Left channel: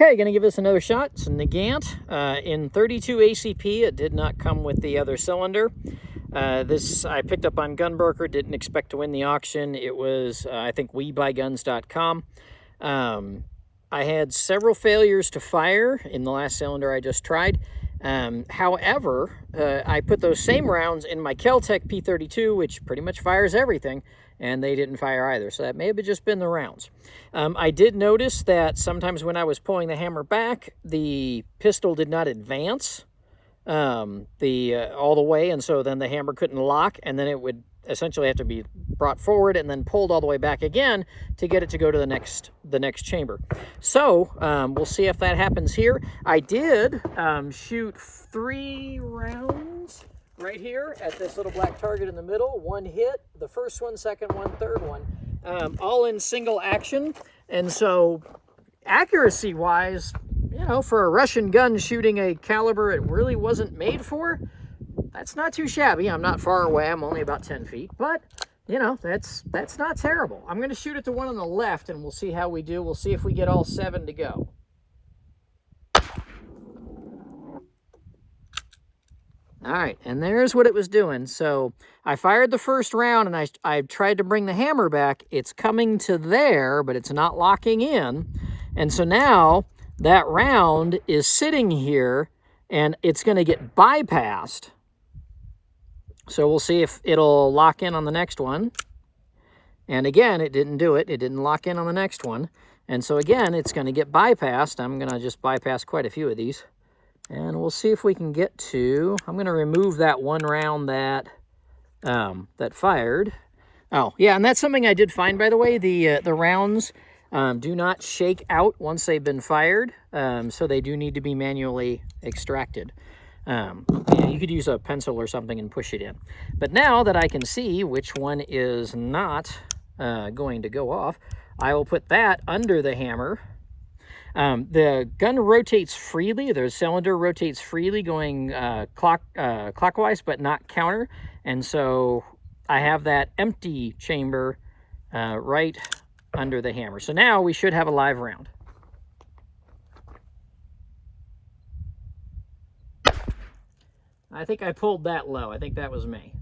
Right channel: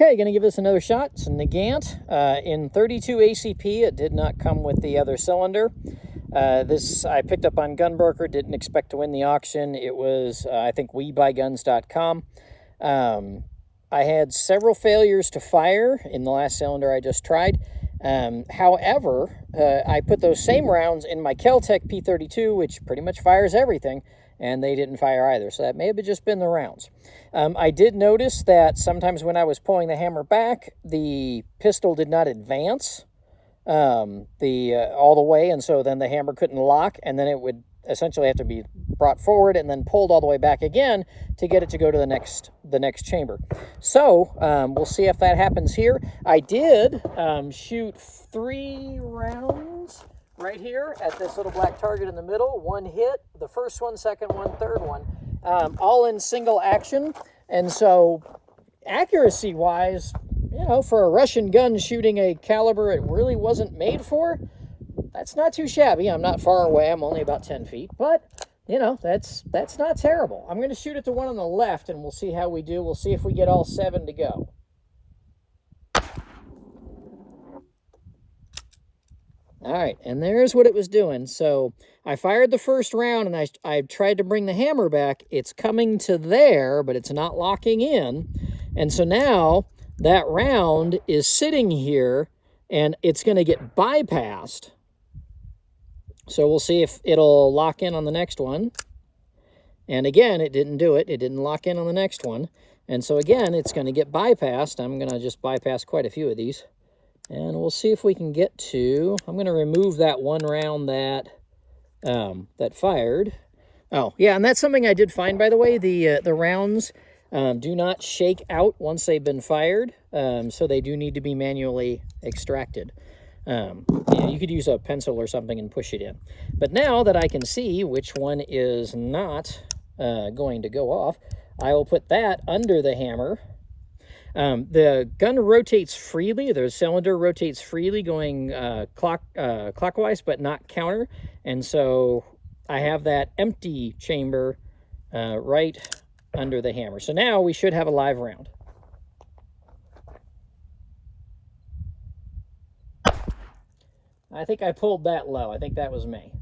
Okay, going to give this another shot. It's a Nagant in 32 ACP. It did not come with the other cylinder. This I picked up on Gunbroker, didn't expect to win the auction. It was, I think, WeBuyGuns.com. I had several failures to fire in the last cylinder I just tried. However, I put those same rounds in my Kel-Tec P32, which pretty much fires everything, and they didn't fire either. So that may have just been the rounds. I did notice that sometimes when I was pulling the hammer back, the pistol did not advance all the way, and so then the hammer couldn't lock, and then it would essentially have to be brought forward and then pulled all the way back again to get it to go to the next chamber. So we'll see if that happens here. I did shoot 3 rounds right here at this little black target in the middle. One hit, the first one, second one, third one, all in single action. And so accuracy wise, you know, for a Russian gun shooting a caliber it really wasn't made for, that's not too shabby. I'm not far away. I'm only about 10 feet, but you know, that's not terrible. I'm going to shoot at the one on the left and we'll see how we do. We'll see if we get all 7 to go. All right, and there's what it was doing. So I fired the first round and I tried to bring the hammer back. It's coming to there, but it's not locking in. And so now that round is sitting here and it's going to get bypassed. So we'll see if it'll lock in on the next one. And again, it didn't do it. It didn't lock in on the next one. And so again, it's going to get bypassed. I'm going to just bypass quite a few of these. And we'll see if we can get to, I'm going to remove that one round that fired. Oh, yeah, and that's something I did find, by the way. The rounds do not shake out once they've been fired. So they do need to be manually extracted. You could use a pencil or something and push it in. But now that I can see which one is not going to go off, I will put that under the hammer. The gun rotates freely. The cylinder rotates freely going clockwise, but not counter. And so I have that empty chamber right under the hammer. So now we should have a live round. I think I pulled that low. I think that was me.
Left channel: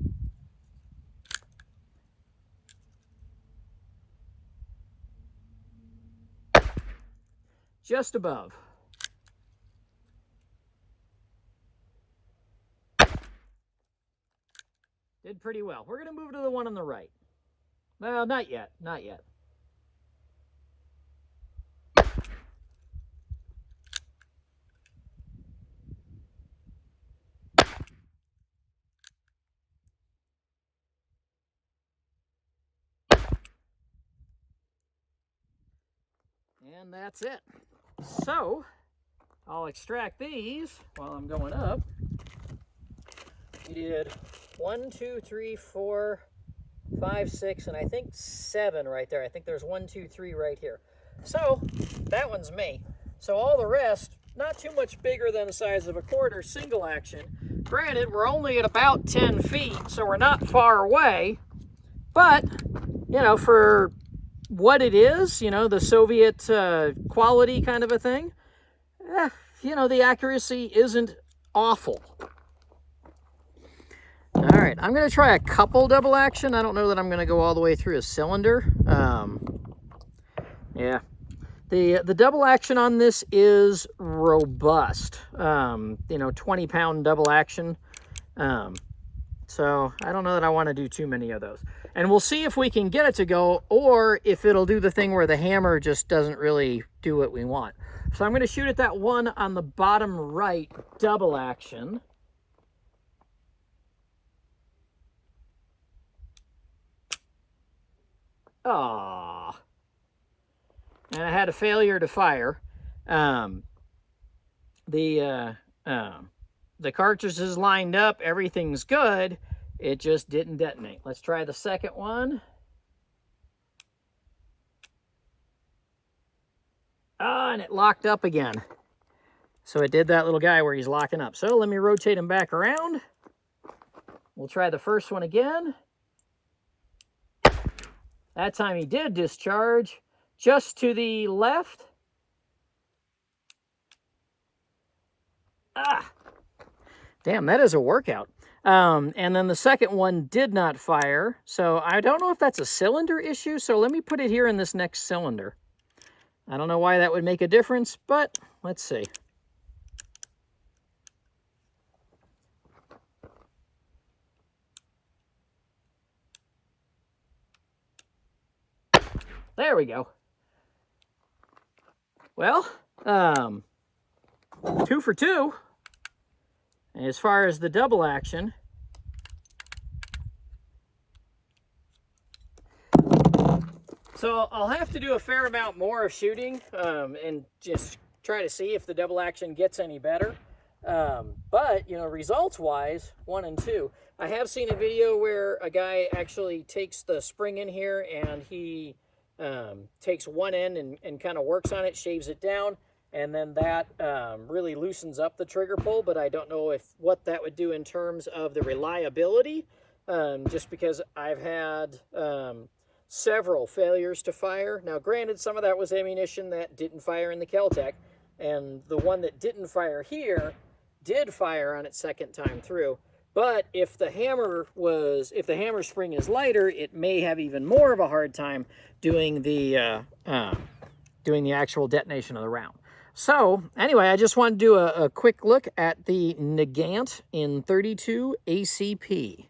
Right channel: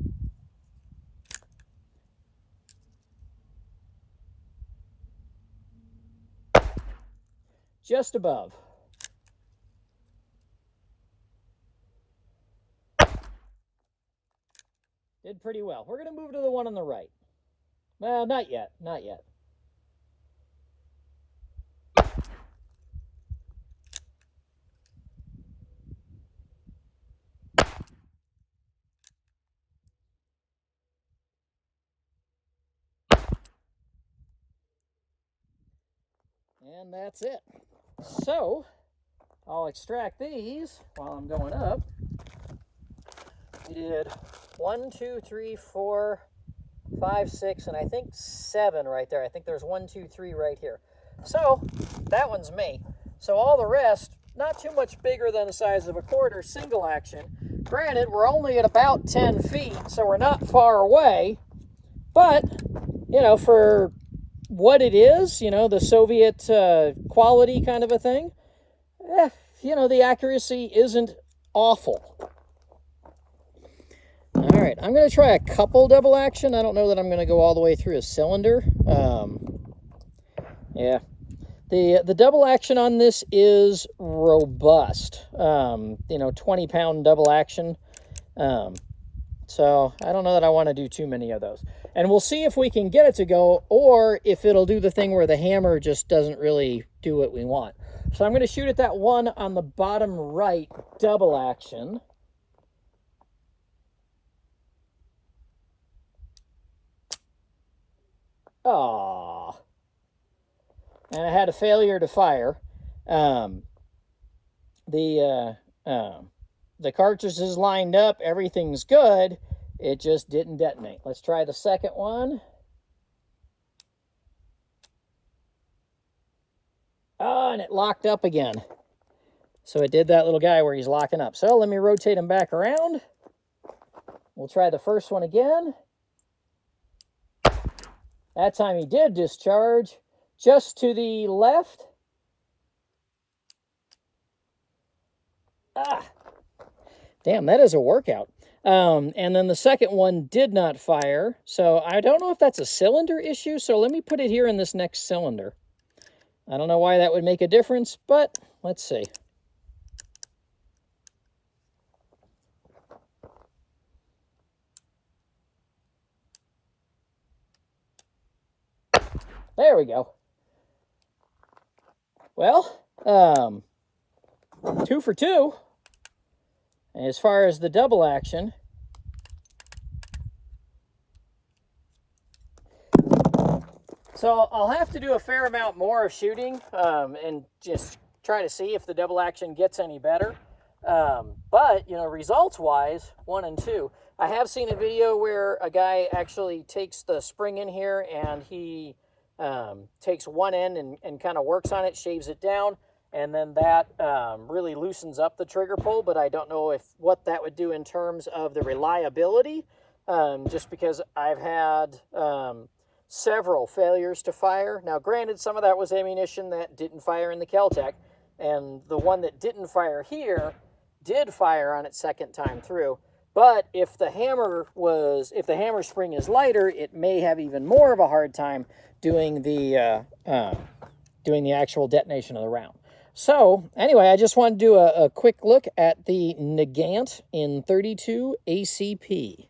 Just above. Did pretty well. We're going to move to the one on the right. Well, not yet. Not yet. And that's it. So I'll extract these while I'm going up. We did 1, 2, 3, 4, 5, 6, and I think 7 right there. I think there's 1, 2, 3 right here. So that one's me. So all the rest, not too much bigger than the size of a quarter, single action. Granted, we're only at about 10 feet, so we're not far away. But, you know, for what it is, you know, the Soviet quality kind of a thing, you know, the accuracy isn't awful. All right, I'm going to try a couple double action. I don't know that I'm going to go all the way through a cylinder. Yeah, the double action on this is robust. You know, 20-pound double action. So I don't know that I want to do too many of those. And we'll see if we can get it to go, or if it'll do the thing where the hammer just doesn't really do what we want. So I'm going to shoot at that one on the bottom right, double action. Aww. And I had a failure to fire. The cartridge is lined up, everything's good. It just didn't detonate. Let's try the second one. Oh, and it locked up again. So it did that little guy where he's locking up. So let me rotate him back around. We'll try the first one again. That time he did discharge just to the left. Damn, that is a workout. And then the second one did not fire. So I don't know if that's a cylinder issue. So let me put it here in this next cylinder. I don't know why that would make a difference, but let's see. There we go. Well, 2 for 2. As far as the double action, so I'll have to do a fair amount more of shooting and just try to see if the double action gets any better. But, you know, results-wise, 1 and 2. I have seen a video where a guy actually takes the spring in here and he takes one end and kind of works on it, shaves it down, and then that really loosens up the trigger pull. But I don't know what that would do in terms of the reliability, just because I've had several failures to fire. Now, granted, some of that was ammunition that didn't fire in the Kel-Tec, and the one that didn't fire here did fire on its second time through. But if the hammer spring is lighter, it may have even more of a hard time doing the actual detonation of the round. So anyway, I just wanted to do a quick look at the Nagant in 32 ACP.